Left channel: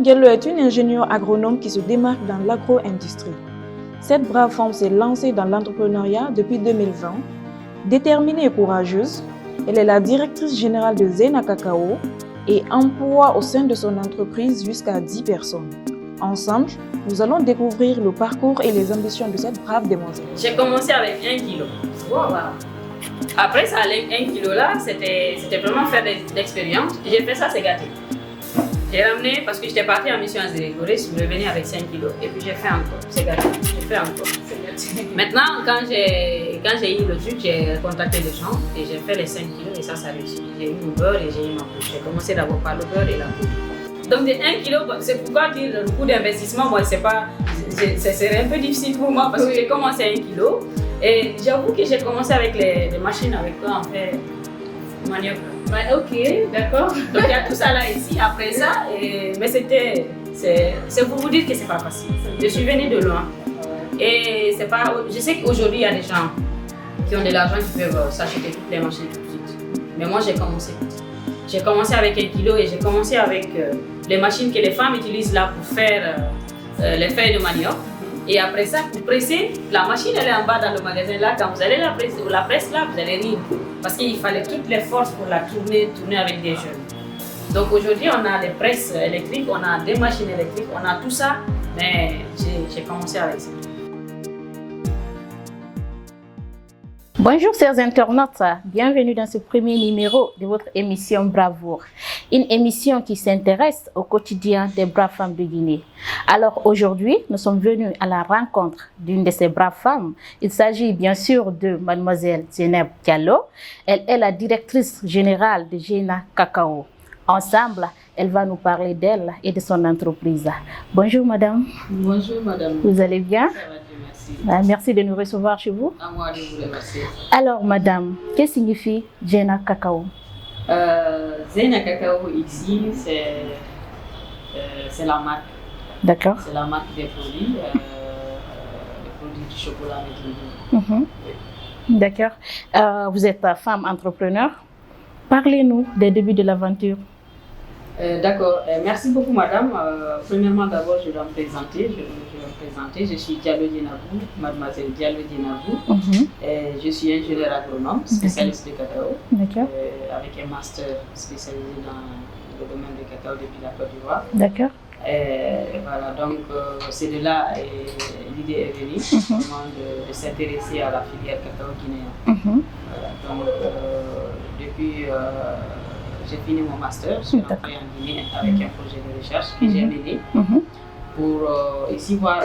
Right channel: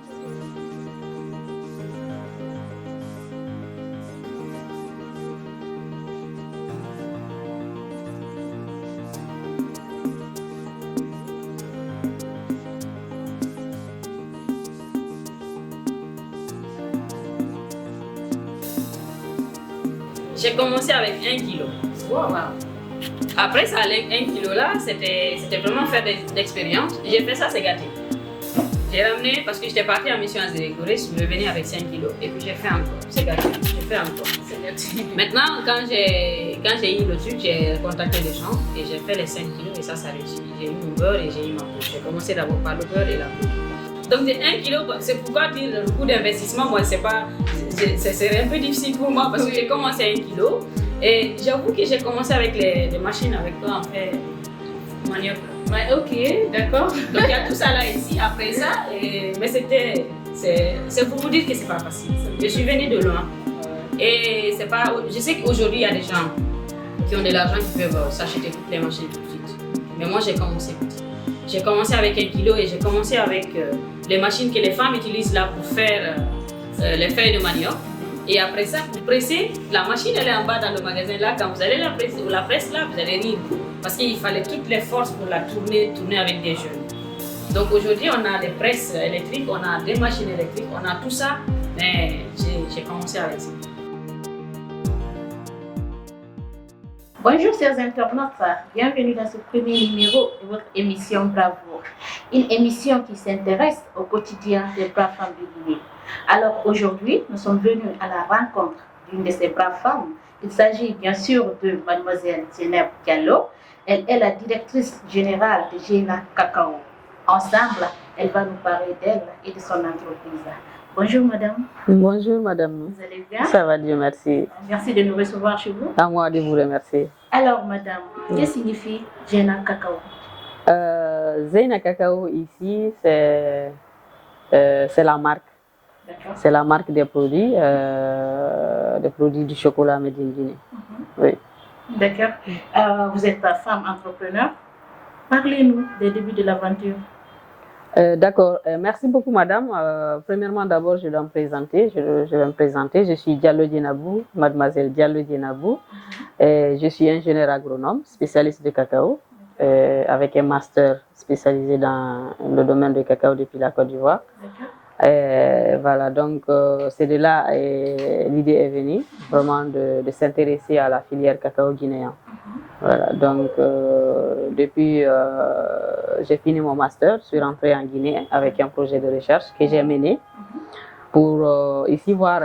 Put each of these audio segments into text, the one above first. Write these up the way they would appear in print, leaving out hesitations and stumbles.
Diallo est une ingénieure agronome qui se démarque dans l'agro-industrie. Cette brave femme s'est lancée dans l'entrepreneuriat depuis 2020. Déterminée et courageuse, elle est la directrice générale de Zena Cacao et emploie au sein de son entreprise jusqu'à 10 personnes. Ensemble, nous allons découvrir le parcours et les ambitions de cette brave demoiselle. J'ai commencé avec 1 kilo. Wow. Après ça, 1 kilo là, c'était vraiment faire d'expérience. J'ai fait ça, c'est gâté. J'ai ramené parce que j'étais partie en mission à Zérécoré, je suis revenue avec 5 kilos et puis j'ai fait encore. C'est gâté, j'ai fait encore. Maintenant, quand j'ai eu le truc, j'ai contacté les gens et j'ai fait les 5 kilos et ça a réussi. J'ai eu mon beurre et j'ai eu ma poudre. J'ai commencé d'abord par le beurre et la poudre. Donc de 1 kilo, c'est pourquoi dire le coût d'investissement, moi c'est un peu difficile pour moi parce que j'ai commencé à 1 kilo et j'avoue que j'ai commencé avec les machines avec toi en fait manioc. Ok, d'accord. Donc il y a tout ça là ici, après ça, mais c'est pour vous dire que c'est pas facile. Je suis venue de loin et c'est pas, je sais qu'aujourd'hui il y a des gens qui ont de l'argent qui peuvent s'acheter toutes les machines tout de suite. Mais moi j'ai commencé petit. J'ai commencé avec 1 kilo et j'ai commencé avec les machines que les femmes utilisent là pour faire les feuilles de manioc. Et après ça, pour presser, la machine elle est en bas dans le magasin là. Quand vous allez la presse là, vous allez rire. Parce qu'il fallait toutes les forces pour la tourner avec des jeunes. Donc aujourd'hui, on a des presses électriques, on a des machines électriques, on a tout ça. Mais j'ai commencé avec ça. Bonjour chers internautes, bienvenue dans ce premier numéro de votre émission Bravoure. Une émission qui s'intéresse au quotidien des braves femmes de Guinée. Alors aujourd'hui, nous sommes venus à la rencontre d'une de ces braves femmes. Il s'agit bien sûr de mademoiselle Zena Diallo. Elle est la directrice générale de Zena Cacao. Ensemble, elle va nous parler d'elle et de son entreprise. Bonjour madame. Bonjour madame. Vous allez bien? Ça va, Dieu merci. Merci de nous recevoir chez vous. À moi de vous remercier. Alors madame, qu'est-ce que signifie Zena Cacao? Zena Cacao ici, c'est la marque. D'accord. C'est la marque des produits du chocolat Medellin. Oui. D'accord. Vous êtes femme entrepreneur. Parlez-nous des débuts de l'aventure. D'accord. Merci beaucoup, madame. Premièrement, d'abord, je dois me présenter. Je vais me présenter. Je suis Diallo Dienabou, mademoiselle Diallo Dienabou. Je suis ingénieure agronome, spécialiste de cacao, avec un master spécialisé dans le domaine du cacao depuis la Côte d'Ivoire. D'accord. Voilà, donc c'est de là l'idée est venue, vraiment de s'intéresser à la filière cacao guinéen. Voilà, donc depuis j'ai fini mon master, je suis rentrée en Guinée avec un projet de recherche que j'ai mené pour ici voir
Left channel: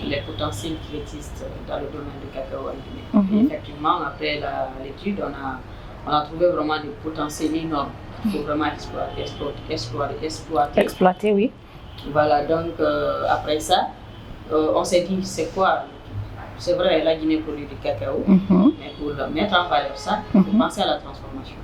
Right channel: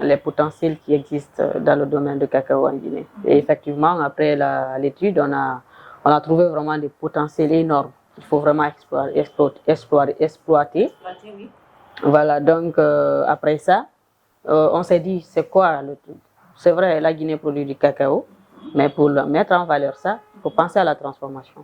les potentiels qui existent dans le domaine du cacao en Guinée. Et effectivement, après l'étude, on a trouvé vraiment des potentiels énormes. Il faut vraiment exploiter. Oui. Voilà, donc après ça, on s'est dit, c'est quoi le truc? C'est vrai, la Guinée produit du cacao, mais pour mettre en valeur ça, il faut penser à la transformation.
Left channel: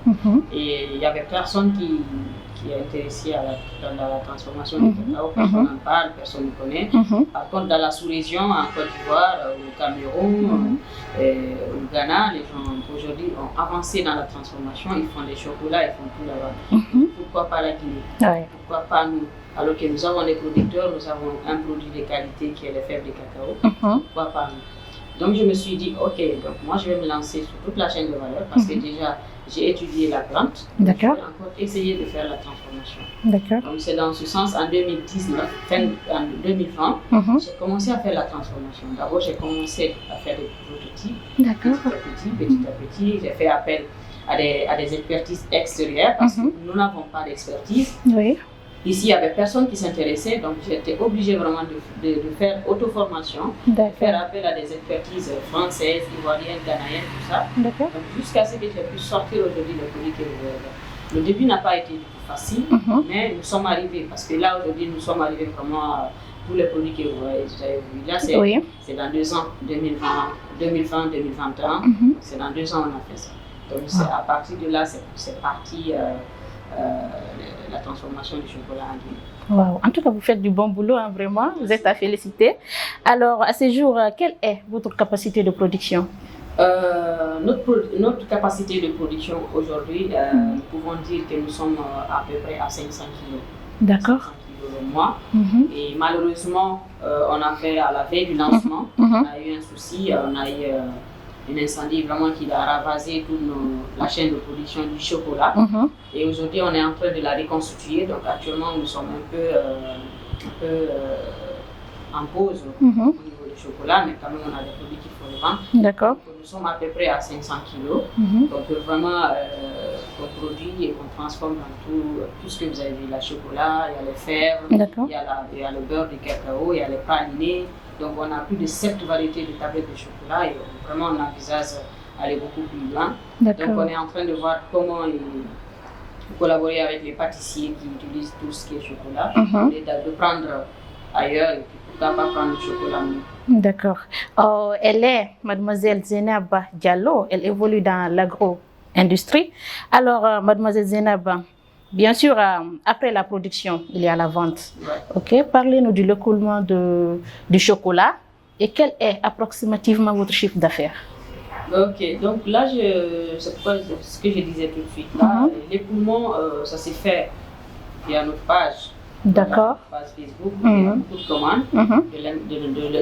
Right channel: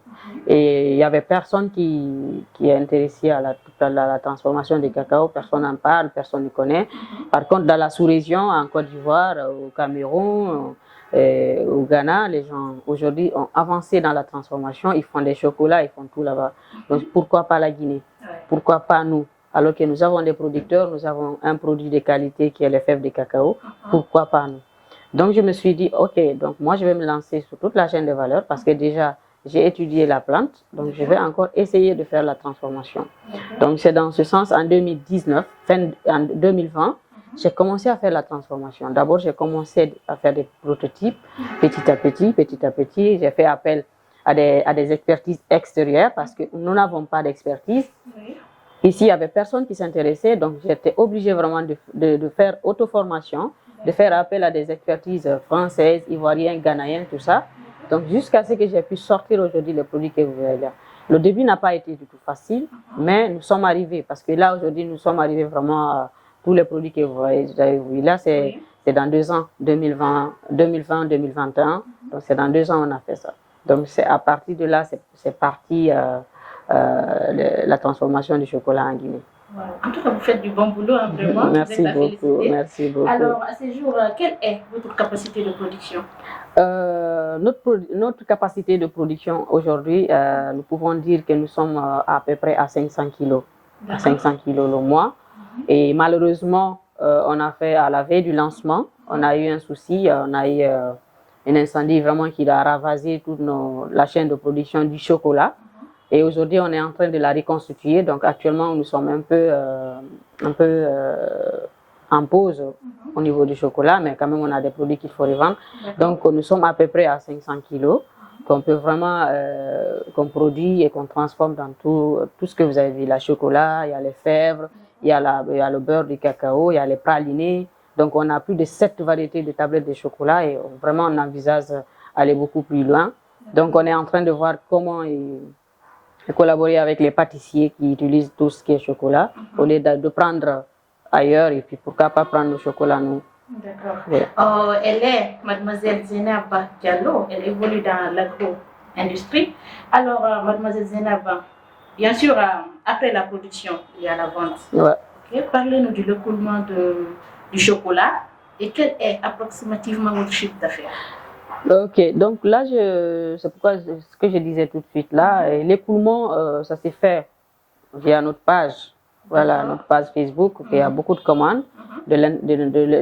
Et il n'y avait personne qui est intéressé à la transformation du cacao, personne n'en parle, personne ne connaît. Par contre, dans la sous-région, en Côte d'Ivoire, au Cameroun, au Ghana, les gens aujourd'hui ont avancé dans la transformation, ils font des chocolats, ils font tout là-bas. Donc pourquoi pas la Guinée? Pourquoi pas nous? Alors que nous avons des producteurs, nous avons un produit de qualité qui est le fève de cacao, pourquoi pas nous? Donc je me suis dit, ok, donc moi je vais me lancer sur toute la chaîne de valeur parce que déjà j'ai étudié la plante, donc je vais encore essayer de faire la transformation. Donc c'est dans ce sens, en 2019, en 2020, j'ai commencé à faire la transformation. D'abord j'ai commencé à faire des prototypes, petit à petit, j'ai fait appel à des expertises extérieures parce que nous n'avons pas d'expertise. Ici, il n'y avait personne qui s'intéressait, donc j'étais obligée vraiment de faire auto-formation, de faire appel à des expertises françaises, ivoiriennes, ghanéennes, tout ça. Donc jusqu'à ce que j'ai pu sortir aujourd'hui les produits que vous voyez là. Le début n'a pas été du tout facile, mais nous sommes arrivés, parce que là aujourd'hui nous sommes arrivés vraiment à tous les produits que vous voyez. Là c'est dans 2 ans, 2020, 2021, donc c'est dans 2 ans on a fait ça. Donc c'est à partir de là, c'est parti la transformation du chocolat en Guinée. En tout cas, vous faites du bon boulot, hein, vraiment. Merci vous êtes à beaucoup, féliciter. merci beaucoup. Alors, à ce jour, quelle est votre capacité de production? Notre capacité de production aujourd'hui, nous pouvons dire que nous sommes à peu près à 500 kilos 500 kilos le mois. Et malheureusement, on a fait à la veille du lancement, on a eu un souci, on a eu un incendie vraiment qui a ravasé toute la chaîne de production du chocolat. Et aujourd'hui, on est en train de la reconstituer. Donc actuellement, nous sommes un peu en pause au niveau du chocolat, mais quand même on a des produits qu'il faut revendre. Donc nous sommes à peu près à 500 kilos qu'on peut vraiment qu'on produit et qu'on transforme dans tout ce que vous avez vu. La chocolat, il y a les fèves, il y a le beurre de cacao, il y a les pralinés. Donc on a plus de 7 variétés de tablettes de chocolat et vraiment on envisage aller beaucoup plus loin. Donc on est en train de voir comment collaborer avec les pâtissiers qui utilisent tout ce qui est chocolat au lieu de prendre ailleurs et puis pourquoi pas prendre le chocolat nous. D'accord. Elle est Mademoiselle Zainab Diallo, elle évolue dans l'agro-industrie. Alors Mademoiselle Zainab, bien sûr après la production, il y a la vente. Ok, parlez-nous de l'écoulement du chocolat et quel est approximativement votre chiffre d'affaires? Ok, donc là, c'est ce que je disais tout de suite là, l'écoulement, ça s'est fait via notre page. Voilà, notre page Facebook, il y a beaucoup de commandes de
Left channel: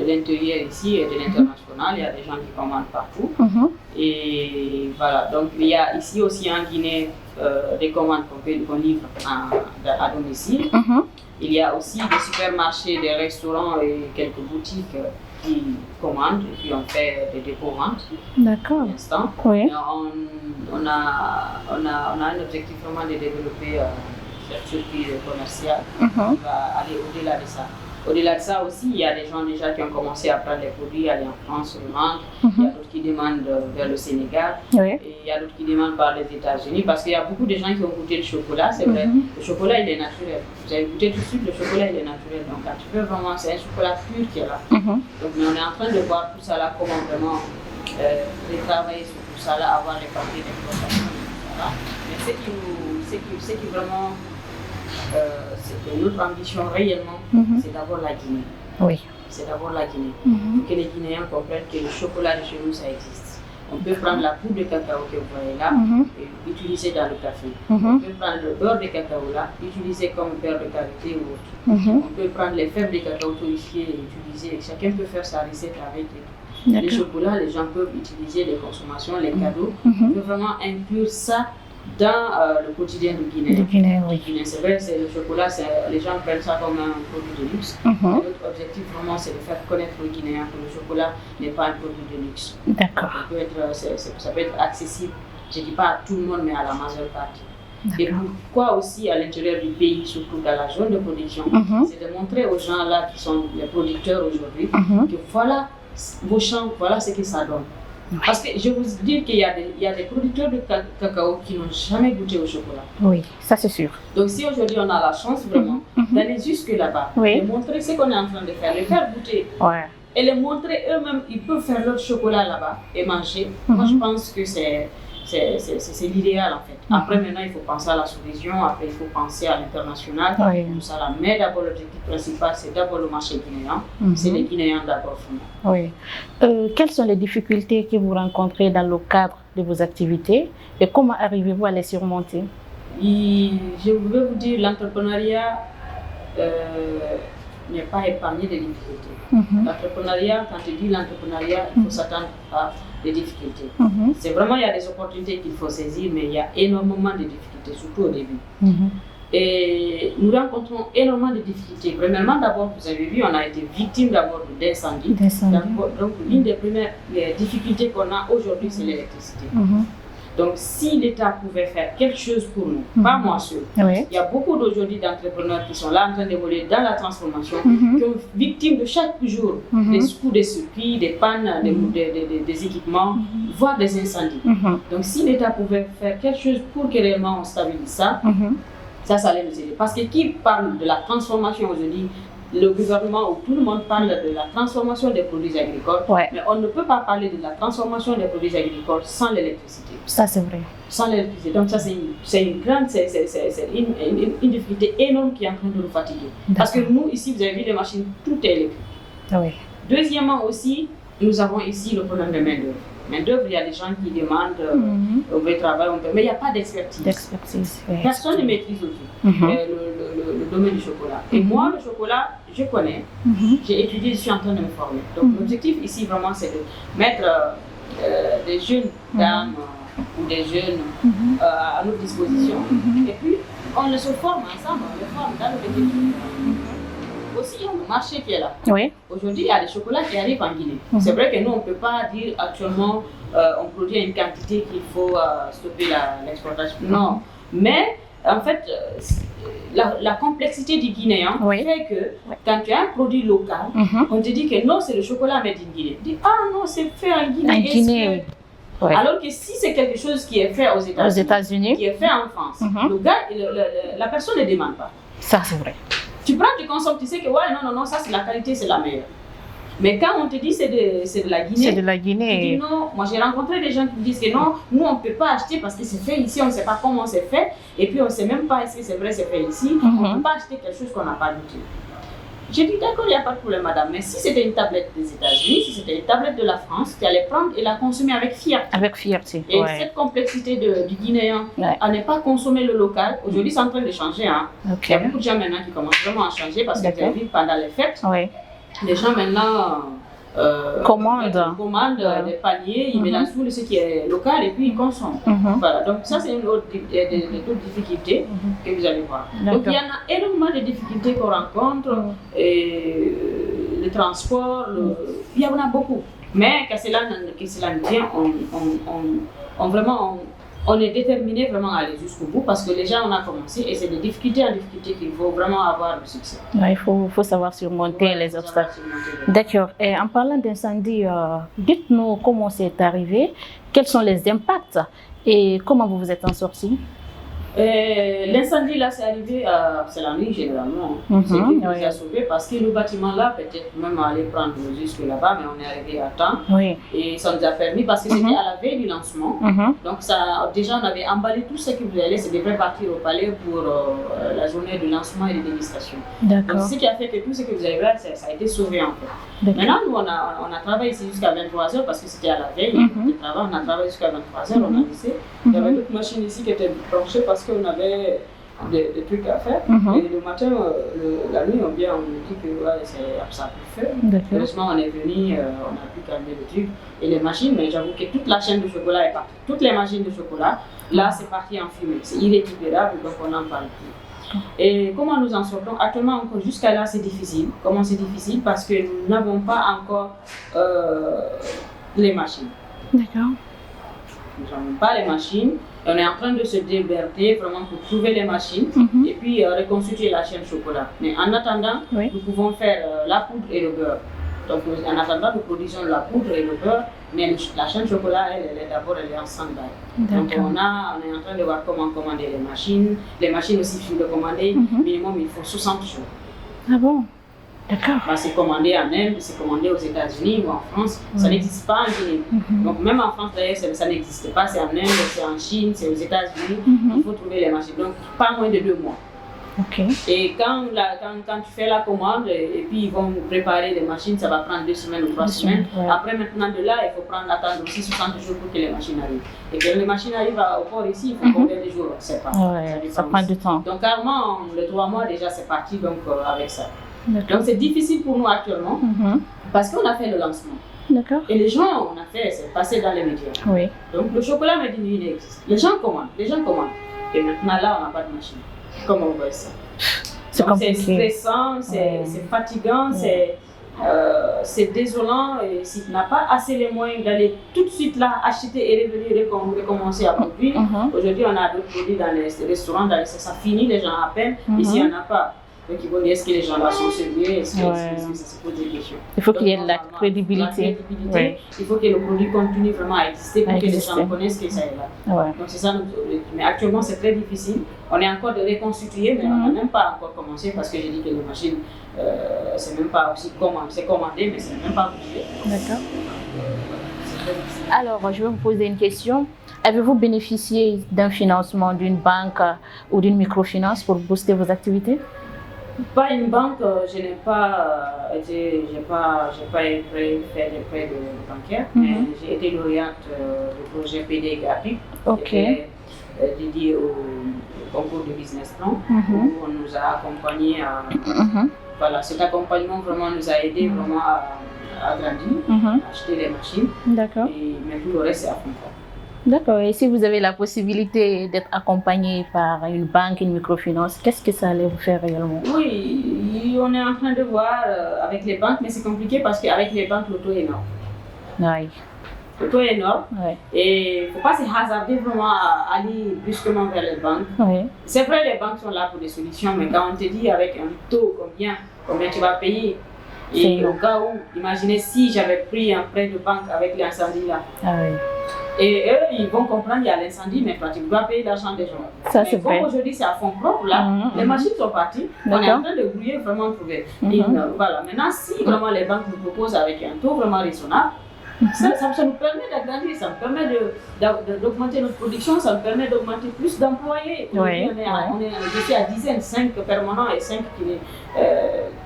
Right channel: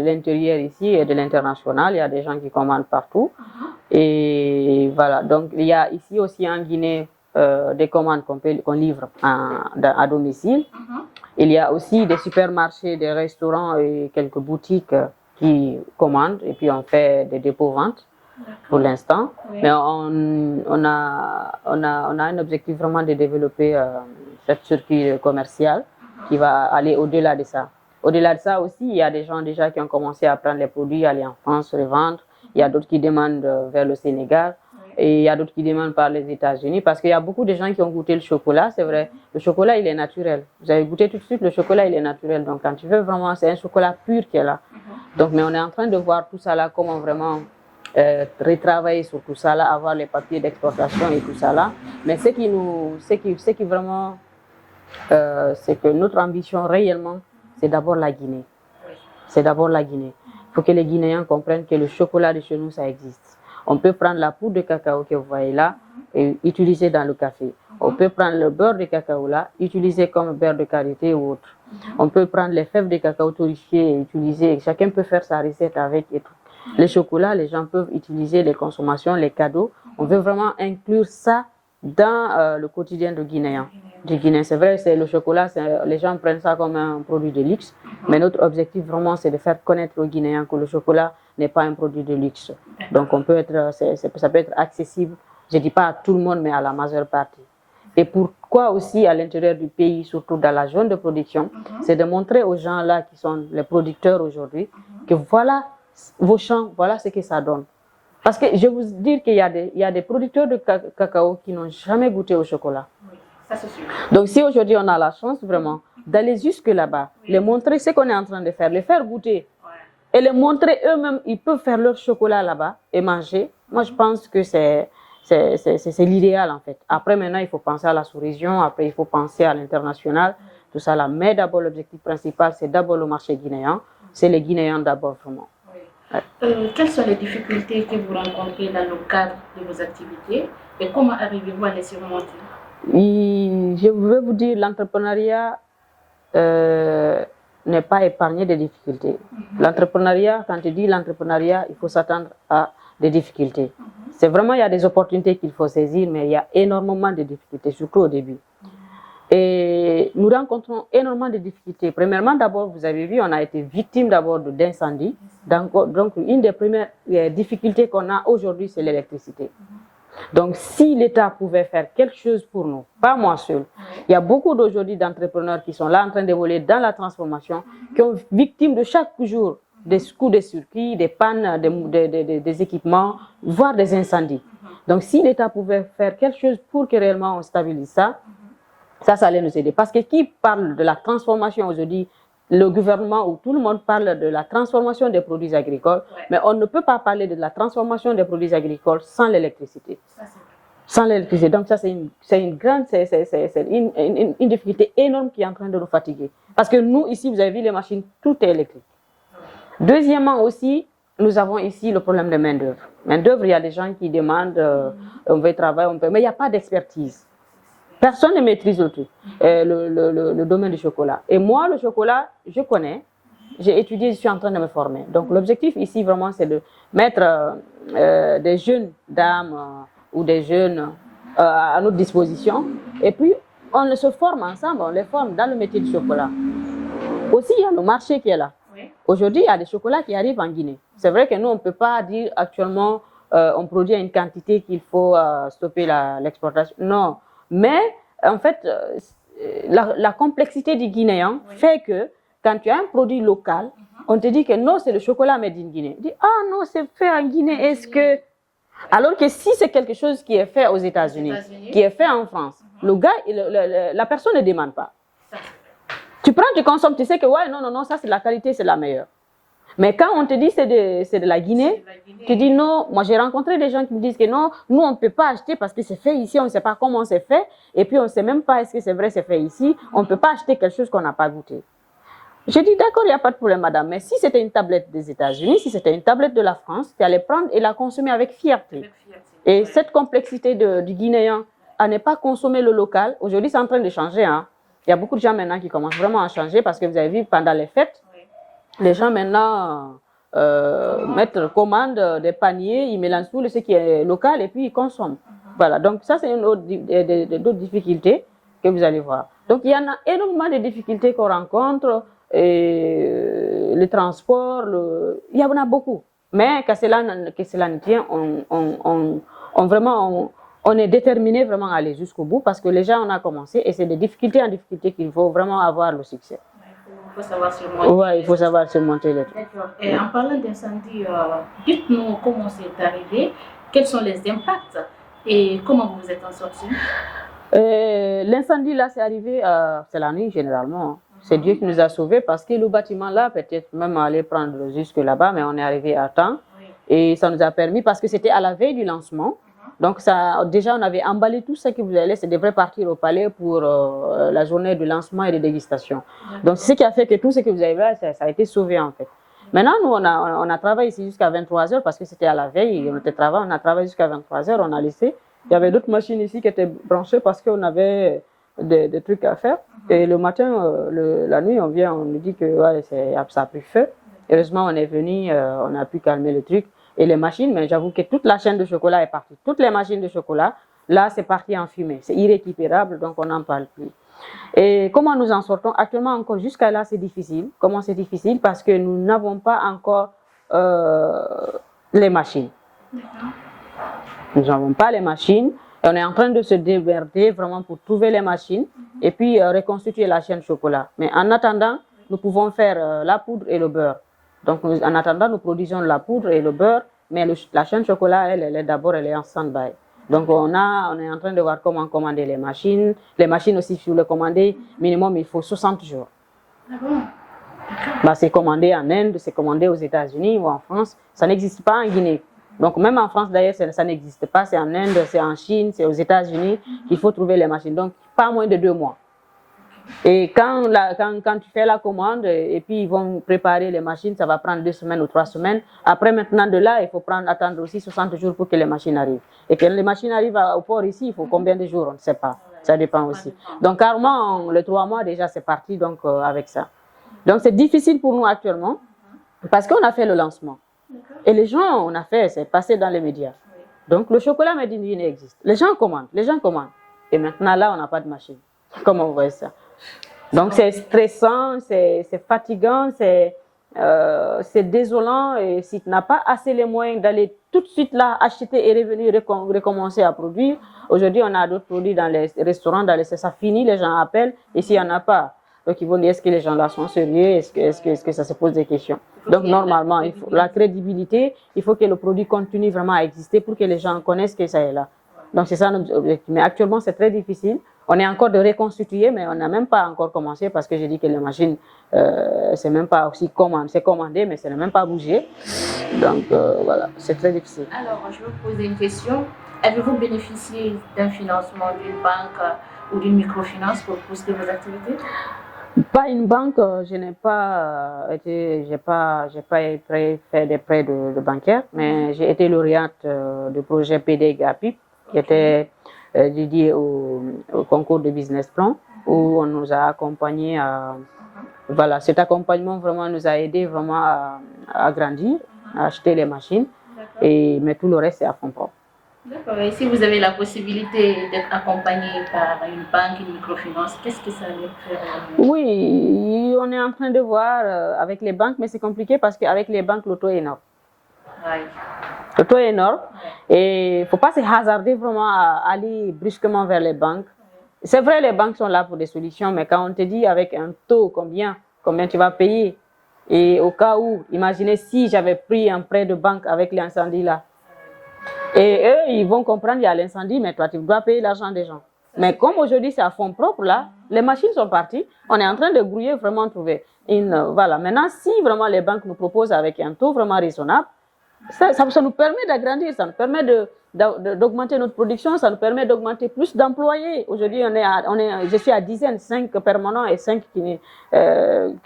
l'intérieur ici et de l'international, il y a des gens qui commandent partout. Et voilà, donc il y a ici aussi en Guinée des commandes qu'on livre à domicile. Il y a aussi des supermarchés, des restaurants et quelques boutiques qui commandent et puis on fait des dépôts-ventes pour l'instant. Mais on a un objectif vraiment de développer cette circuit commercial qui va aller au-delà de ça. Au-delà de ça aussi, il y a des gens déjà qui ont commencé à prendre les produits, aller en France, revendre. Il y a d'autres qui demandent vers le Sénégal et il y a d'autres qui demandent par les États-Unis parce qu'il y a beaucoup de gens qui ont goûté le chocolat, c'est vrai. Le chocolat, il est naturel. Vous avez goûté tout de suite, le chocolat, il est naturel. Donc quand tu veux vraiment, c'est un chocolat pur qui est là. Donc mais on est en train de voir tout ça là, comment vraiment retravailler sur tout ça là, avoir les papiers d'exportation et tout ça là. Mais ce qui vraiment c'est que notre ambition réellement, c'est d'abord la Guinée. C'est d'abord la Guinée. Il faut que les Guinéens comprennent que le chocolat de chez nous, ça existe. On peut prendre la poudre de cacao que vous voyez là et utiliser dans le café. On peut prendre le beurre de cacao là, utiliser comme beurre de karité ou autre. On peut prendre les fèves de cacao torréfiées et utiliser. Chacun peut faire sa recette avec et tout. Le chocolat, les gens peuvent utiliser les consommations, les cadeaux. On veut vraiment inclure ça dans le quotidien du Guinéen. C'est vrai, le chocolat, les gens prennent ça comme un produit de luxe, mais notre objectif vraiment, c'est de faire connaître aux Guinéens que le chocolat n'est pas un produit de luxe. Donc ça peut être accessible, je ne dis pas à tout le monde, mais à la majeure partie. Et pourquoi aussi à l'intérieur du pays, surtout dans la zone de production, c'est de montrer aux gens là qui sont les producteurs aujourd'hui que voilà vos champs, voilà ce que ça donne. Parce que je vous dis qu'il y a des producteurs de cacao qui n'ont jamais goûté au chocolat. Oui, ça c'est sûr. Donc si aujourd'hui on a la chance vraiment d'aller jusque là-bas, de montrer ce qu'on est en train de faire, les faire goûter et les montrer eux-mêmes, ils peuvent faire leur chocolat là-bas et manger. Moi je pense que c'est l'idéal en fait. Après maintenant il faut penser à la sous-région, après il faut penser à l'international, tout ça là. Mais d'abord l'objectif principal c'est d'abord le marché guinéen, c'est les Guinéens d'abord vraiment. Quelles sont les difficultés que vous rencontrez dans le cadre de vos activités et comment arrivez-vous à les surmonter? Je veux vous dire, l'entrepreneuriat n'est pas épargné des difficultés. L'entrepreneuriat, quand je dis l'entrepreneuriat, il faut s'attendre à des difficultés. C'est vraiment, il y a des opportunités qu'il faut saisir, mais il y a énormément de difficultés, surtout au début. Et nous rencontrons énormément de difficultés. Premièrement, d'abord, vous avez vu, on a été victime d'abord d'incendies. Donc, une des premières difficultés qu'on a aujourd'hui, c'est l'électricité. Donc, si l'État pouvait faire quelque chose pour nous, pas moi seul, il y a beaucoup d'aujourd'hui d'entrepreneurs qui sont là en train d'évoluer dans la transformation, qui sont victimes de chaque jour des coups de circuit, des pannes, des équipements, voire des incendies. Donc, si l'État pouvait faire quelque chose pour que réellement on stabilise ça, ça allait nous aider. Parce que qui parle de la transformation aujourd'hui, le gouvernement ou tout le monde parle de la transformation des produits agricoles, mais on ne peut pas parler de la transformation des produits agricoles sans l'électricité. Ça, c'est vrai. Sans l'électricité. Donc ça, c'est une difficulté énorme qui est en train de nous fatiguer. Parce que nous, ici, vous avez vu les machines, tout est électrique. Deuxièmement aussi, nous avons ici le problème de main-d'œuvre. Main-d'œuvre, il y a des gens qui demandent, on veut travailler, mais il n'y a pas d'expertise. Oui. Personne ne maîtrise le tout, le domaine du chocolat. Et moi, le chocolat, je connais, j'ai étudié, je suis en train de me former. Donc l'objectif ici, vraiment, c'est de mettre des jeunes dames ou des jeunes à notre disposition. Et puis, on se forme ensemble, on les forme dans le métier du chocolat. Aussi, il y a le marché qui est là. Oui. Aujourd'hui, il y a des chocolats qui arrivent en Guinée. C'est vrai que nous, on ne peut pas dire actuellement on produit une quantité qu'il faut stopper l'exportation. Non. Mais en fait, la complexité du Guinéen fait que quand tu as un produit local, on te dit que non, c'est le chocolat made in Guinée. Tu dis, ah non, c'est fait en Guinée. Alors que si c'est quelque chose qui est fait aux États-Unis, qui est fait en France, le gars, la personne ne demande pas. Ça, c'est vrai. Tu prends, tu consommes, tu sais que ouais, non, ça c'est la qualité, c'est la meilleure. Mais quand on te dit c'est de la Guinée, tu dis non. Moi j'ai rencontré des gens qui me disent que non, nous on ne peut pas acheter parce que c'est fait ici, on ne sait pas comment c'est fait, et puis on ne sait même pas si c'est vrai, c'est fait ici, on ne peut pas acheter quelque chose qu'on n'a pas goûté. J'ai dit d'accord, il n'y a pas de problème madame, mais si c'était une tablette des États-Unis, si c'était une tablette de la France, tu allais prendre et la consommer avec fierté. Avec fierté. Et cette complexité du Guinéen à ne pas consommer le local, aujourd'hui c'est en train de changer. Hein. Il y a beaucoup de gens maintenant qui commencent vraiment à changer parce que vous avez vu pendant les fêtes, les gens maintenant commandent des paniers, ils mélangent tout ce qui est local et puis ils consomment. Voilà, donc ça c'est une autre d'autres difficultés que vous allez voir. Donc il y en a énormément de difficultés qu'on rencontre, et le transport, il y en a beaucoup. Mais que cela ne tient, on est déterminé vraiment à aller jusqu'au bout parce que les gens ont commencé et c'est de difficulté en difficulté qu'il faut vraiment avoir le succès. Il faut savoir surmonter les obstacles. D'accord. Et en parlant d'incendie, dites-nous comment c'est arrivé, quels sont les impacts et comment vous vous êtes en sortis? L'incendie là, c'est arrivé, c'est la nuit généralement. C'est Dieu qui nous a sauvés parce que le bâtiment là, peut-être même aller prendre jusque là-bas, mais on est arrivé à temps. Et ça nous a permis parce que c'était à la veille du lancement. Donc ça, déjà on avait emballé tout ce qui vous allait, ça devrait partir au palais pour la journée du lancement et de dégustation. Donc ce qui a fait que tout ce que vous avez vu, ça a été sauvé en fait. Maintenant, nous, on a travaillé ici jusqu'à 23h parce que c'était à la veille, on a travaillé jusqu'à 23h, on a laissé. Il y avait d'autres machines ici qui étaient branchées parce qu'on avait des trucs à faire. Et le matin, la nuit, on nous dit que ça a pu faire. Heureusement, on est venu, on a pu calmer le truc. Et les machines, mais j'avoue que toute la chaîne de chocolat est partie. Toutes les machines de chocolat, là, c'est parti en fumée. C'est irrécupérable, donc on n'en parle plus. Et comment nous en sortons? Actuellement, encore jusqu'à là, c'est difficile. Comment c'est difficile? Parce que nous n'avons pas encore les machines. D'accord. Nous n'avons pas les machines. On est en train de se démerder vraiment pour trouver les machines et puis reconstituer la chaîne chocolat. Mais en attendant, nous pouvons faire la poudre et le beurre. Donc en attendant, nous produisons la poudre et le beurre, mais la chaîne chocolat, elle est en stand-by. Donc on est en train de voir comment commander les machines. Les machines aussi, il faut les commander, minimum il faut 60 jours. Ah bon? Bah, c'est commandé en Inde, c'est commandé aux États-Unis ou en France. Ça n'existe pas en Guinée. Donc même en France d'ailleurs, ça n'existe pas. C'est en Inde, c'est en Chine, c'est aux États-Unis. Il faut trouver les machines. Donc pas moins de 2 mois. Et quand tu fais la commande et puis ils vont préparer les machines, ça va prendre 2 semaines ou 3 semaines. Après maintenant de là, il faut attendre aussi 60 jours pour que les machines arrivent. Et que les machines arrivent au port ici, il faut combien de jours? On ne sait pas. Ça dépend ça prend aussi. du temps. Donc carrément, les 3 mois déjà c'est parti donc, avec ça. Donc c'est difficile pour nous actuellement parce qu'on a fait le lancement. Et les gens, on a fait, c'est passé dans les médias. Donc le chocolat made in Guinée existe. Les gens commandent. Et maintenant là, on n'a pas de machine. Comment vous voyez ça? Donc c'est stressant, c'est fatigant, c'est désolant. Et si tu n'as pas assez les moyens d'aller tout de suite là acheter et revenir recommencer à produire, aujourd'hui on a d'autres produits dans les restaurants, ça finit, les gens appellent, ici il n'y en a pas. Donc ils vont dire est-ce que les gens là sont sérieux, est-ce que ça se pose des questions. Il faut qu'il y ait la crédibilité. Il faut que le produit continue vraiment à exister pour que les gens connaissent que ça est là. Donc c'est ça notre objectif. Mais actuellement c'est très difficile. On est encore de reconstituer, mais on n'a même pas encore commencé parce que j'ai dit que la machine, c'est même pas aussi c'est commandé, mais ça n'a même pas bougé. Donc voilà, c'est très difficile. Alors je vais vous poser une question. Avez-vous bénéficié d'un financement d'une banque ou d'une microfinance pour booster vos activités? Pas une banque, je n'ai pas fait des prêts de bancaire, mais j'ai été lauréate du projet PD GAPI, qui était dédié au concours de business plan, où on nous a accompagnés voilà, cet accompagnement vraiment nous a aidé vraiment à grandir, à acheter des machines, mais tout le reste c'est à fond compte. D'accord. Et si vous avez la possibilité d'être accompagné par une banque, une microfinance, qu'est-ce que ça allait vous faire réellement? Oui, on est en train de voir avec les banques, mais c'est compliqué parce qu'avec les banques, le taux est énorme. Oui. Le taux est énorme et il ne faut pas se hasarder vraiment à aller brusquement vers les banques. C'est vrai, les banques sont là pour des solutions, mais quand on te dit avec un taux combien tu vas payer, et au cas où, imaginez si j'avais pris un prêt de banque avec l'incendie là. Et eux, ils vont comprendre qu'il y a l'incendie, mais toi, tu dois payer l'argent des gens. Mais comme aujourd'hui, c'est à fonds propres, là, les machines sont parties. On est en train de brouiller, vraiment trouver. Voilà. Maintenant, si vraiment les banques nous proposent avec un taux vraiment raisonnable, ça nous permet d'agrandir, ça nous permet d'augmenter notre production, ça nous permet d'augmenter plus d'employés. Aujourd'hui, je suis à dizaines, 5 permanents et 5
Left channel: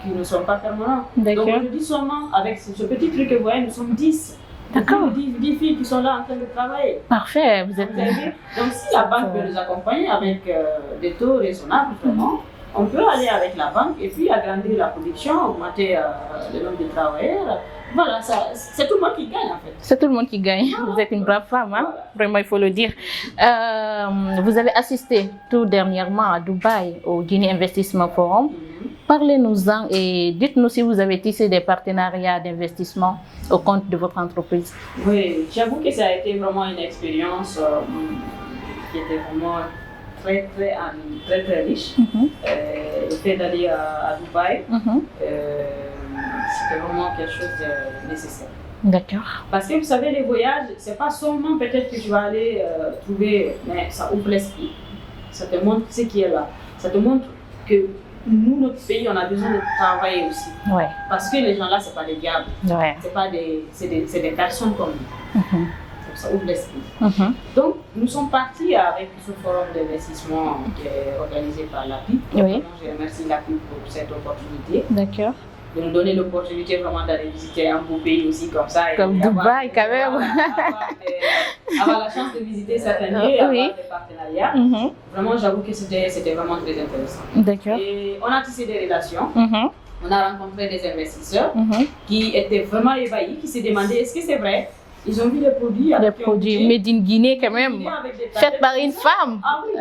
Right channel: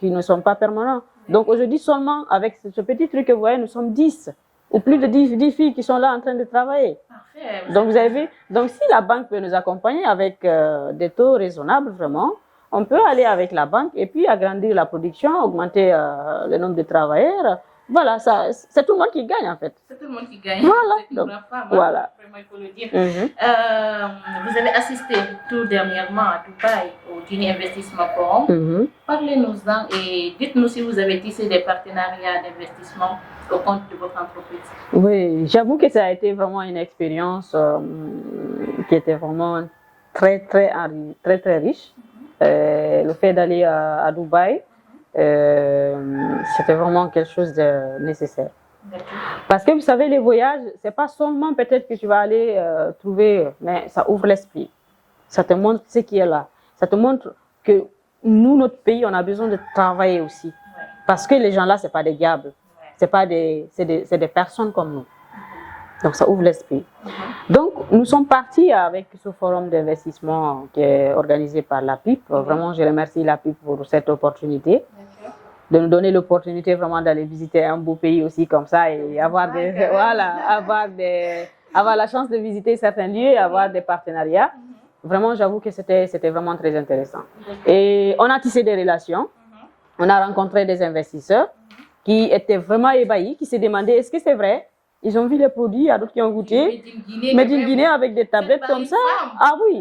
qui ne sont pas permanents. Donc aujourd'hui, seulement avec ce petit truc que vous voyez, nous sommes 10. Il y a plus de 10 filles qui sont là en train de travailler. Parfait. Donc, vous avez vu, donc si la banque peut nous accompagner avec des taux raisonnables, vraiment, on peut aller avec la banque et puis agrandir la production, augmenter le nombre de travailleurs. Voilà, c'est tout le monde qui gagne en fait. C'est tout le monde qui gagne. Voilà. Vous êtes une brave femme, hein? Vraiment, il faut le dire. Vous avez assisté tout dernièrement à Dubaï au Guinée Investissement Forum. Parlez-nous-en et dites-nous si vous avez tissé des partenariats d'investissement au compte de votre entreprise. Oui, j'avoue que ça a été vraiment une expérience qui était vraiment très riche. Le fait d'aller à Dubaï, c'était vraiment quelque chose de nécessaire. D'accord. Parce que vous savez, les voyages, c'est pas seulement peut-être que tu vas aller trouver, mais ça ouvre l'esprit. Ça te montre ce qui est là. Ça te montre que nous, notre pays, on a besoin de travailler aussi. Parce que les gens là, c'est pas des gardes. C'est des personnes comme nous. Donc ça ouvre l'esprit. Donc nous sommes partis avec ce forum d'investissement qui est organisé par l'APIP. Vraiment, je remercie l'APIP pour cette opportunité. D'accord. De nous donner l'opportunité vraiment d'aller visiter un beau pays aussi comme ça. Et comme avoir, Dubaï, avoir la chance de visiter certains lieux et avoir des partenariats. Vraiment, j'avoue que c'était vraiment très intéressant. Et on a tissé des relations. On a rencontré des investisseurs qui étaient vraiment ébahis, qui se demandaient est-ce que c'est vrai? Ils ont vu les produits avec made in Guinée, avec des tablettes faites par comme une ça. femme. Ah oui,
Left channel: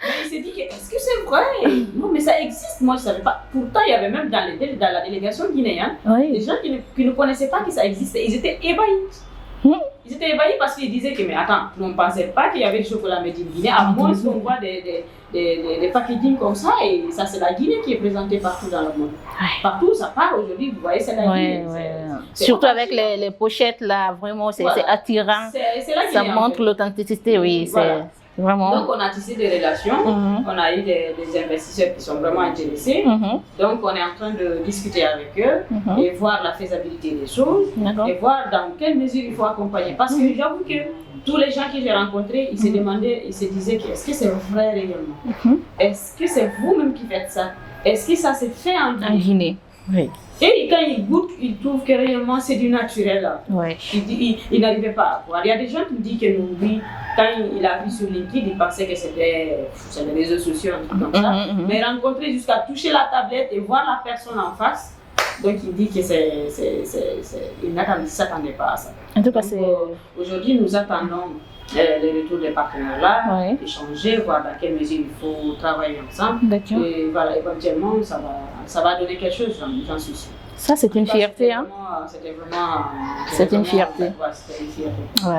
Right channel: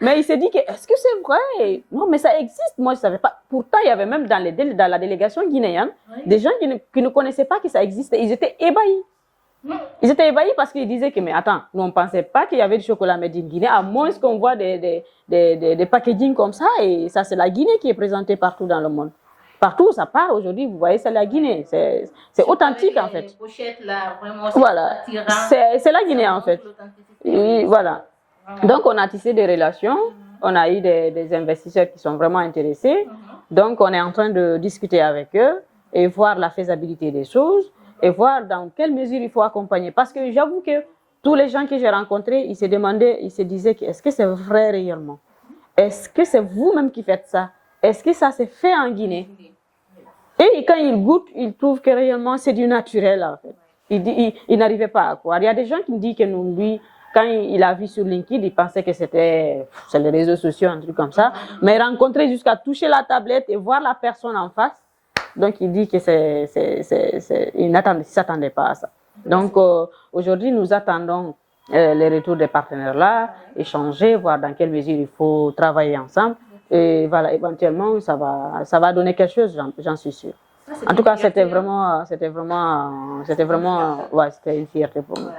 mais il s'est dit que est-ce que c'est vrai? Non, mais ça existe. Moi, je ne savais pas. Pourtant, il y avait même dans la délégation guinéenne des gens qui ne connaissaient pas que ça existait. Ils étaient ébahis. Ils étaient ébahis parce qu'ils disaient que, mais attends, nous on ne pensait pas qu'il y avait du chocolat made in Guinée, à moins qu'on voit des packaging comme ça, et ça c'est la Guinée qui est présentée partout dans le monde. Partout où ça part aujourd'hui, vous voyez, c'est la Guinée. C'est surtout avec les pochettes là, vraiment c'est attirant. C'est la Guinée. Ça montre l'authenticité, voilà. Vraiment. Donc on a tissé des relations, on a eu des investisseurs qui sont vraiment intéressés. Donc on est en train de discuter avec eux et voir la faisabilité des choses et voir dans quelle mesure il faut accompagner. Parce que j'avoue que tous les gens que j'ai rencontrés, ils se demandaient, ils se disaient est-ce que c'est vrai réellement? Est-ce que c'est vous-même qui faites ça? Est-ce que ça s'est fait en Guinée? Et quand ils goûtent, ils trouvent que réellement c'est du naturel. Ils n'arrivaient pas à croire. Il y a des gens qui me disent que lui, quand il a vu sur LinkedIn, il pensait que c'était les réseaux sociaux, un truc comme ça. Mais rencontrer jusqu'à toucher la tablette et voir la personne en face, donc il dit que il ne s'attendait pas à ça. Donc aujourd'hui, nous attendons les retours des partenaires là, échanger, voir dans quelle mesure il faut travailler ensemble. Et voilà, éventuellement, ça va donner quelque chose, j'en suis sûre. Ça, c'est en tout cas, c'était vraiment une fierté pour moi.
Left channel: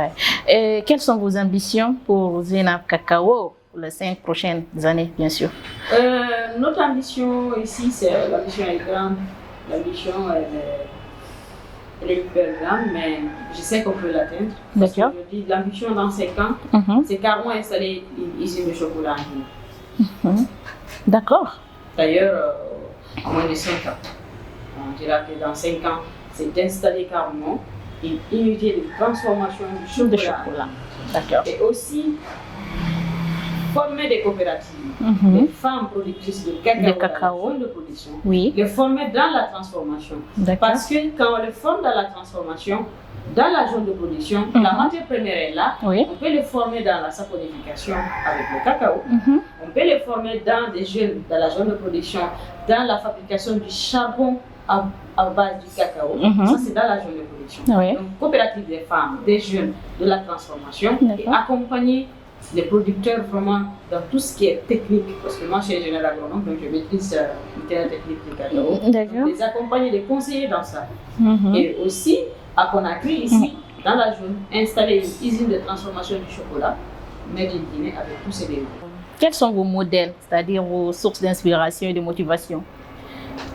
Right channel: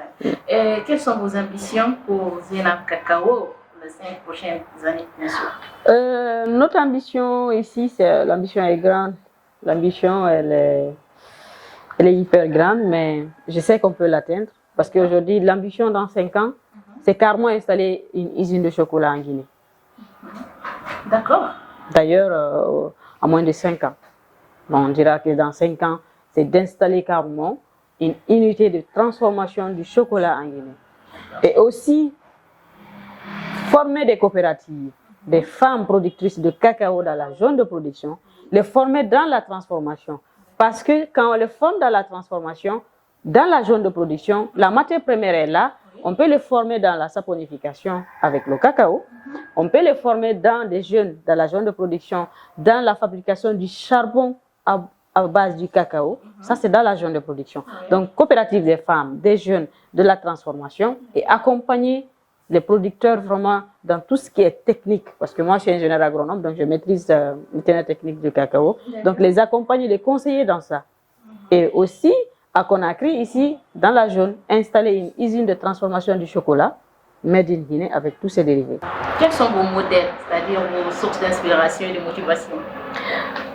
Et quelles sont vos ambitions pour Zena Cacao les 5 prochaines années, bien sûr? Notre ambition ici, l'ambition est grande. L'ambition, elle est hyper grande, mais je sais qu'on peut l'atteindre. Parce qu'aujourd'hui, l'ambition dans 5 ans, c'est carrément installer une usine de chocolat en Guinée. D'accord. D'ailleurs, à moins de 5 ans. Bon, on dira que dans 5 ans, c'est d'installer carrément une unité de transformation du chocolat en Guinée. Et aussi, former des coopératives, des femmes productrices de cacao dans la zone de production, les former dans la transformation. Parce que quand on les forme dans la transformation, dans la zone de production, la matière première est là, on peut les former dans la saponification avec le cacao, on peut les former dans des jeunes, dans la zone de production, dans la fabrication du charbon à base du cacao, ça c'est dans la zone de production. Donc coopérative des femmes, des jeunes, de la transformation et accompagner les producteurs vraiment dans tout ce qui est technique, parce que moi je suis ingénieur agronome, donc je maîtrise une telle technique du cacao, donc les accompagner, les conseiller dans ça. Et aussi à Conakry, ici, dans la zone, installer une usine de transformation du chocolat, made in Guinée, avec tous ces dérivés. Quels sont vos modèles, c'est-à-dire vos sources d'inspiration et de motivation?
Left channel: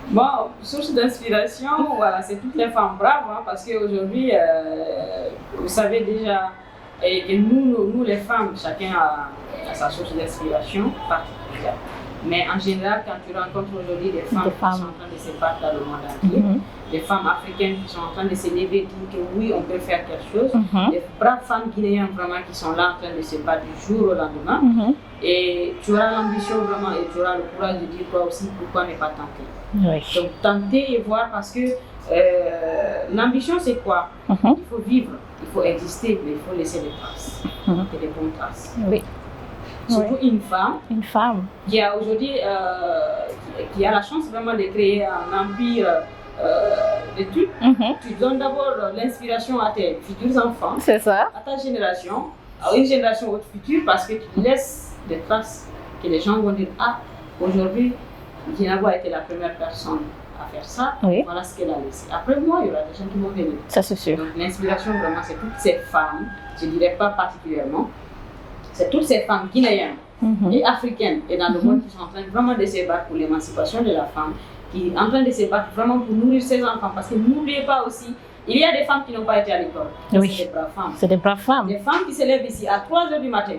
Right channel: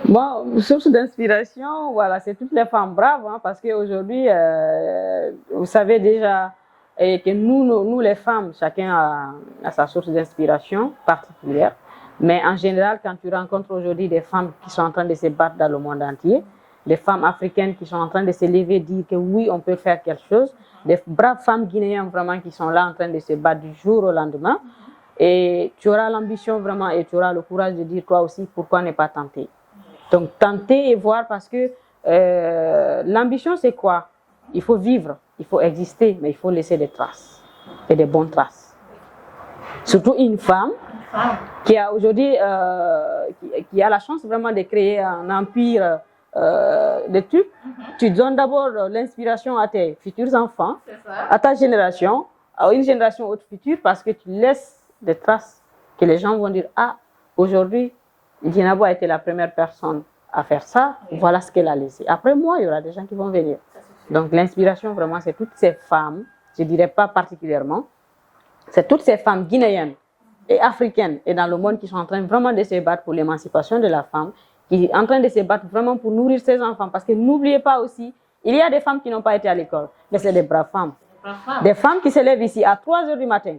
Moi, source d'inspiration, voilà, c'est toutes les femmes braves, hein, parce qu'aujourd'hui, vous savez déjà que nous les femmes, chacun a sa source d'inspiration particulière. Mais en général, quand tu rencontres aujourd'hui des femmes qui sont en train de se battre dans le monde entier, des femmes africaines qui sont en train de se lever et dire que oui, on peut faire quelque chose, des braves femmes guinéennes vraiment qui sont là en train de se battre du jour au lendemain, et tu auras l'ambition vraiment et tu auras le courage de dire quoi aussi, pourquoi ne pas tenter. Donc tenter et voir, parce que l'ambition c'est quoi? Il faut vivre, il faut exister, mais il faut laisser des traces, et des bonnes traces. Surtout une femme qui a aujourd'hui qui a la chance vraiment de créer un empire de trucs. Tu donnes d'abord l'inspiration à tes futurs enfants, à ta génération, à une génération future, parce que tu laisses des traces que les gens vont dire: ah, aujourd'hui, Guinabo a été la première personne à faire ça, voilà ce qu'elle a laissé. Après moi, il y aura des gens qui vont venir. Ça, c'est sûr. Donc l'inspiration vraiment, c'est toutes ces femmes, je ne dirais pas particulièrement, c'est toutes ces femmes guinéennes et africaines et dans le monde qui sont en train vraiment de se battre pour l'émancipation de la femme, qui sont en train de se battre vraiment pour nourrir ses enfants. Parce que n'oubliez pas aussi, il y a des femmes qui n'ont pas été à l'école. C'est des braves femmes. C'est des braves femmes. Des femmes qui se lèvent ici à 3 h du matin,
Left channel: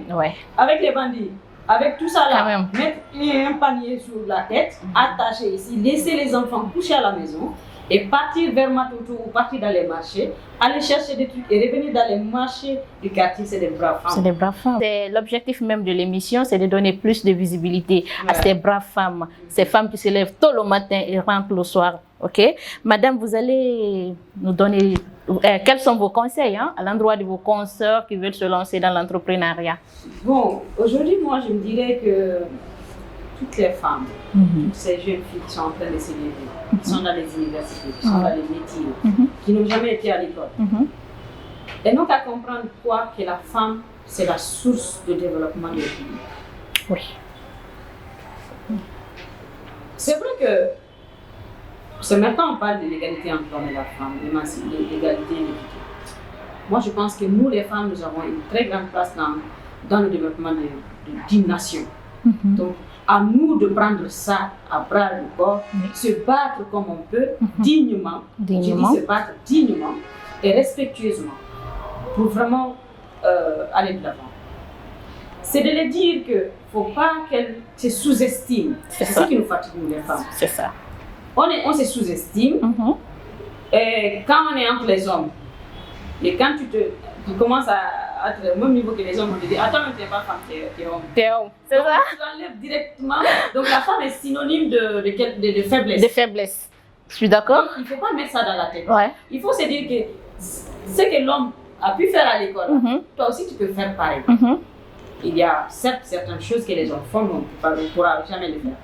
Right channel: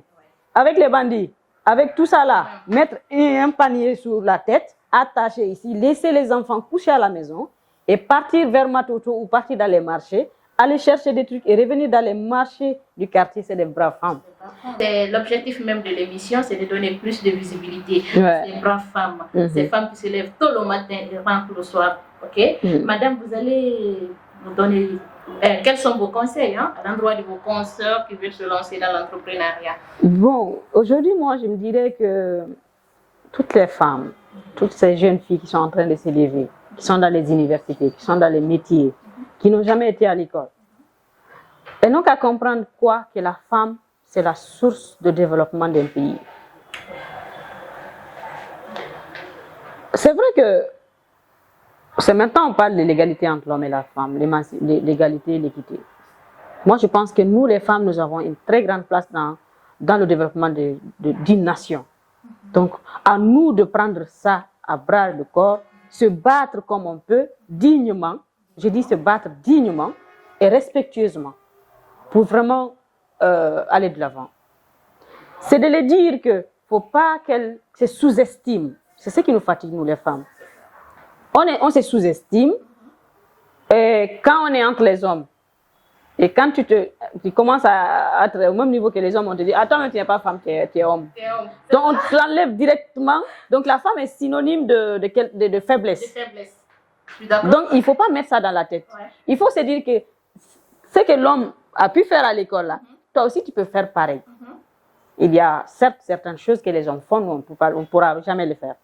avec les bandits, avec tout ça là, mettre un panier sur la tête, attacher ici, laisser les enfants coucher à la maison et partir vers Matoto ou partir dans les marchés, aller chercher des trucs et revenir dans les marchés du quartier. C'est des braves femmes. C'est des braves femmes. L'objectif même de l'émission, c'est de donner plus de visibilité à ces braves femmes, ces femmes qui se lèvent tôt le matin et rentrent le soir. Madame, vous allez nous donner quels sont vos conseils à l'endroit de vos consoeurs qui veulent se lancer dans l'entrepreneuriat? Bon, aujourd'hui, moi, je me dirais que toutes les femmes, toutes ces jeunes filles qui sont en train de se lever, qui sont dans les universités, qui sont dans les métiers, qui n'ont jamais été à l'école, et donc à comprendre quoi, que la femme, c'est la source de développement d'un pays. C'est vrai que c'est maintenant on parle de l'égalité entre l'homme et la femme, l'égalité et l'équité. Moi, je pense que nous, les femmes, nous avons une très grande place dans le développement d'une nation. Donc, à nous de prendre ça à bras le corps, se battre comme on peut, dignement. Je dis se battre dignement et respectueusement pour vraiment aller de l'avant. C'est de les dire qu'il ne faut pas qu'elles se sous-estiment. C'est ce qui nous fatigue, nous, les femmes. C'est ça. On se sous-estime et quand on est entre les hommes, et quand tu commences à être au même niveau que les hommes, on te dit: attends, mais tu n'es pas femme, tu es homme. Donc on te l'enlève directement. Donc la femme est synonyme de faiblesse. De faiblesse. Je suis d'accord. Donc il ne faut pas mettre ça dans la tête. Il faut se dire que ce que l'homme a pu faire à l'école, toi aussi tu peux faire pareil. Il y a certes certaines choses que les hommes font, mais on ne pourra jamais le faire.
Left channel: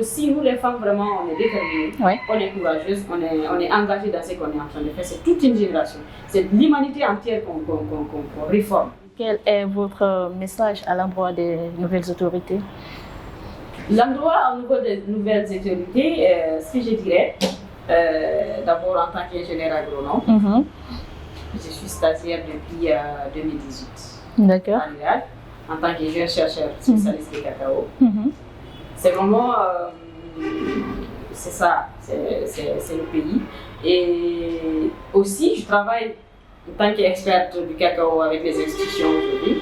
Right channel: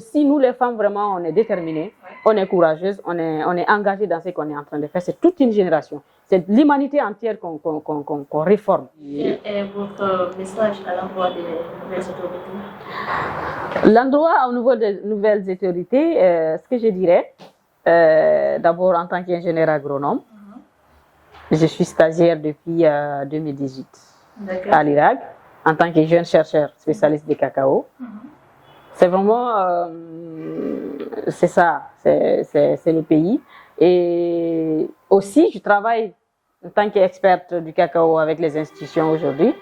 Si nous les femmes vraiment on est déterminées, on est courageuses, on est engagées dans ce qu'on est en train de faire, c'est toute une génération. C'est l'humanité entière qu'on réforme. Quel est votre message à l'endroit des nouvelles autorités? L'endroit au niveau des nouvelles autorités, ce que je dirais, d'abord en tant qu'ingénieur agronome, je suis stagiaire depuis 2018 à l'Irak. En tant que jeune chercheur spécialiste de cacao. C'est vraiment, c'est ça, c'est le pays. Et aussi, je travaille en tant qu'experte du cacao avec les institutions aujourd'hui.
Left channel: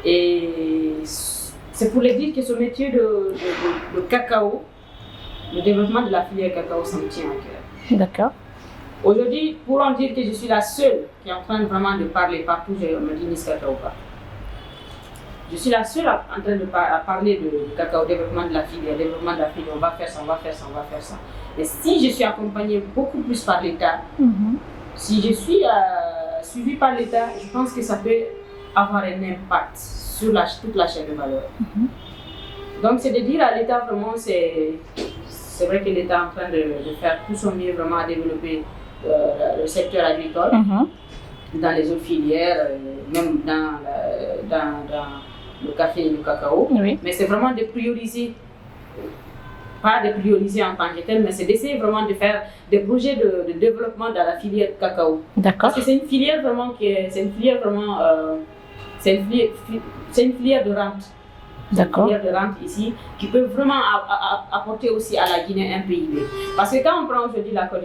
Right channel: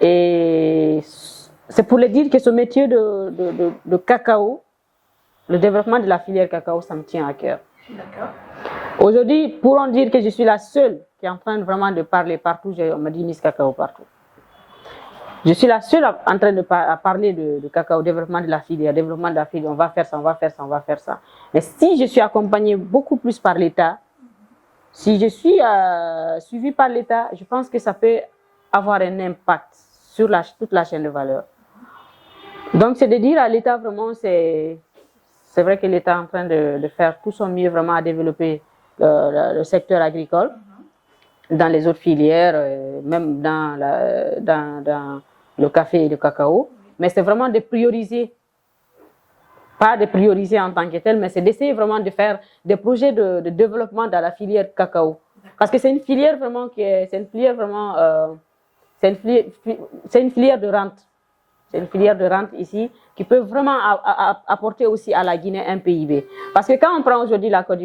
Et c'est pour les dire que ce métier de cacao, le développement de la filière cacao, ça me tient à cœur. D'accord. Aujourd'hui, pourront dire que je suis la seule qui est en train vraiment de parler partout, je me dis Miss Cacao partout. Je suis la seule en train de parler de cacao, développement de la filière, on va faire ça, on va faire ça, on va faire ça. Mais si je suis accompagnée beaucoup plus par l'État, si je suis suivie par l'État, je pense que ça peut avoir un impact sur toute la chaîne de valeur. Donc c'est de dire à l'État vraiment, c'est vrai que l'État est en train de faire tout son mieux vraiment à développer le secteur agricole, dans les autres filières, même dans le café et le cacao. Oui. Mais c'est vraiment de prioriser, pas de prioriser en tant que tel, mais c'est d'essayer vraiment de faire des projets de développement dans la filière du cacao. Parce que c'est une filière vraiment c'est une filière de rente. Une filière de rente ici qui peut vraiment apporter aussi à la Guinée un PIB. Parce que quand on prend aujourd'hui la Côte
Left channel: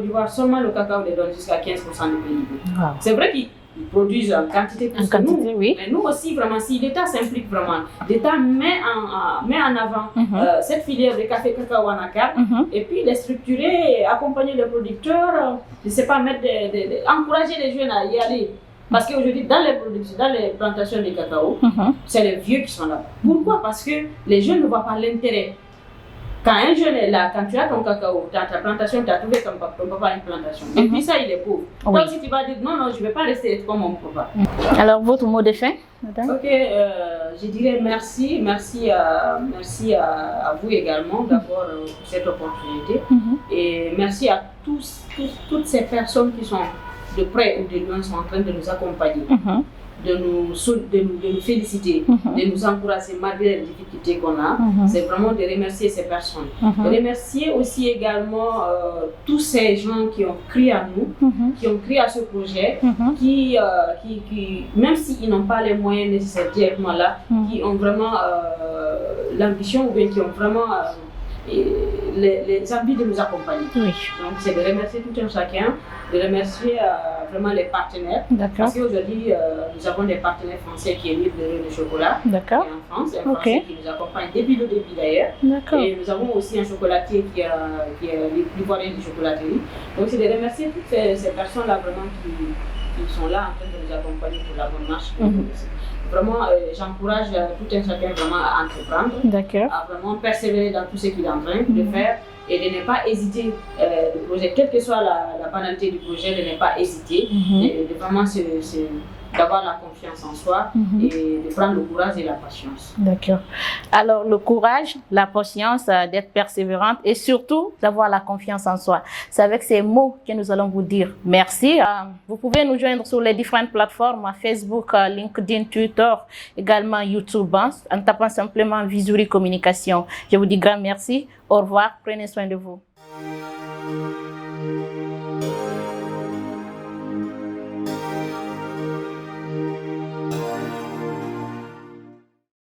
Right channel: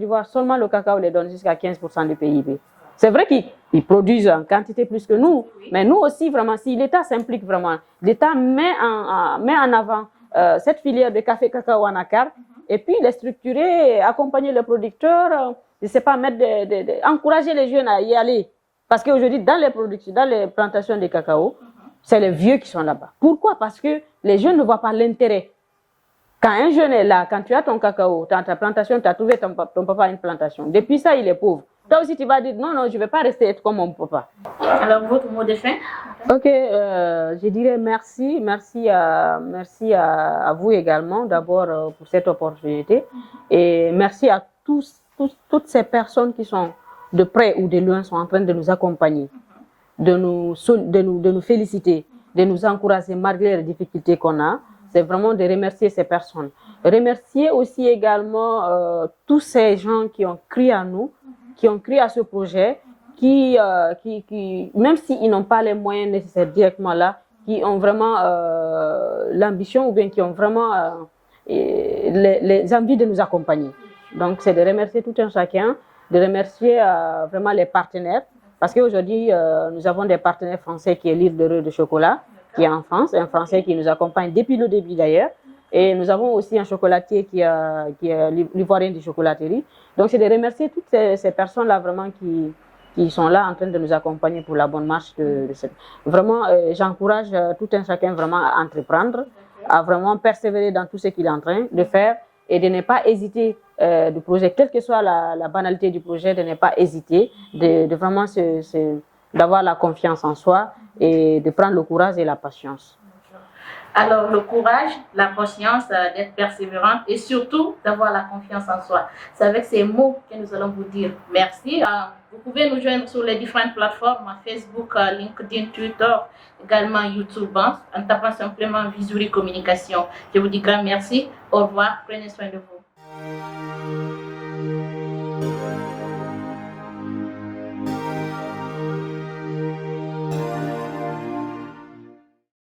d'Ivoire, seulement le cacao les donne jusqu'à 15% de PIB. Wow. C'est vrai qu'ils produisent en quantité plus que nous, oui. Mais nous aussi, vraiment, si l'État s'implique vraiment, l'État met en avant cette filière de café cacao Anakar, et puis les structurer, accompagner les producteurs, je ne sais pas, encourager les jeunes à y aller. Parce qu'aujourd'hui, dans les plantations de cacao, c'est les vieux qui sont là-bas. Pourquoi? Parce que les jeunes ne voient pas l'intérêt. Quand un jeune est là, quand tu as ton cacao, dans ta plantation, tu as trouvé ton papa a une plantation. Depuis ça, il est pauvre. Donc si tu vas dire non, je ne vais pas rester comme mon papa. Alors, votre mot de fin? Ok, je dirais merci à vous également d'abord pour cette opportunité. Et merci à toutes ces personnes qui sont de près ou de loin sont en train de nous accompagner, de nous féliciter, de nous encourager malgré les difficultés qu'on a. C'est vraiment de remercier ces personnes. Remercier aussi également tous ces gens qui ont cru à nous, qui ont cru à ce projet, qui même s'ils n'ont pas les moyens nécessaires directement là, qui ont vraiment l'ambition ou bien qui ont vraiment les envies de nous accompagner. Donc c'est de remercier tout un chacun, de remercier vraiment les partenaires. Parce qu'aujourd'hui, nous avons des partenaires français qui est L'Île d'Heureux de chocolat, qui est en France, un Français qui nous accompagne depuis le début d'ailleurs. Et nous avons aussi un chocolatier qui est l'Ivoirien de chocolaterie. Donc c'est de remercier toutes ces personnes-là vraiment qui sont là en train de nous accompagner pour la bonne marche de cette. Vraiment, j'encourage tout un chacun vraiment à entreprendre, à vraiment persévérer dans tout ce qu'il est en train de faire et de ne pas hésiter de projet, quelle que soit la banalité du projet, de ne pas hésiter, de vraiment d'avoir la confiance en soi et de prendre le courage et la patience. D'accord. Alors le courage, la patience, d'être persévérante et surtout d'avoir la confiance en soi. C'est avec ces mots que nous allons vous dire merci. Vous pouvez nous joindre sur les différentes plateformes, Facebook, LinkedIn, Twitter, également YouTube, en tapant simplement Vizuri Communication. Je vous dis grand merci. Au revoir. Prenez soin de vous.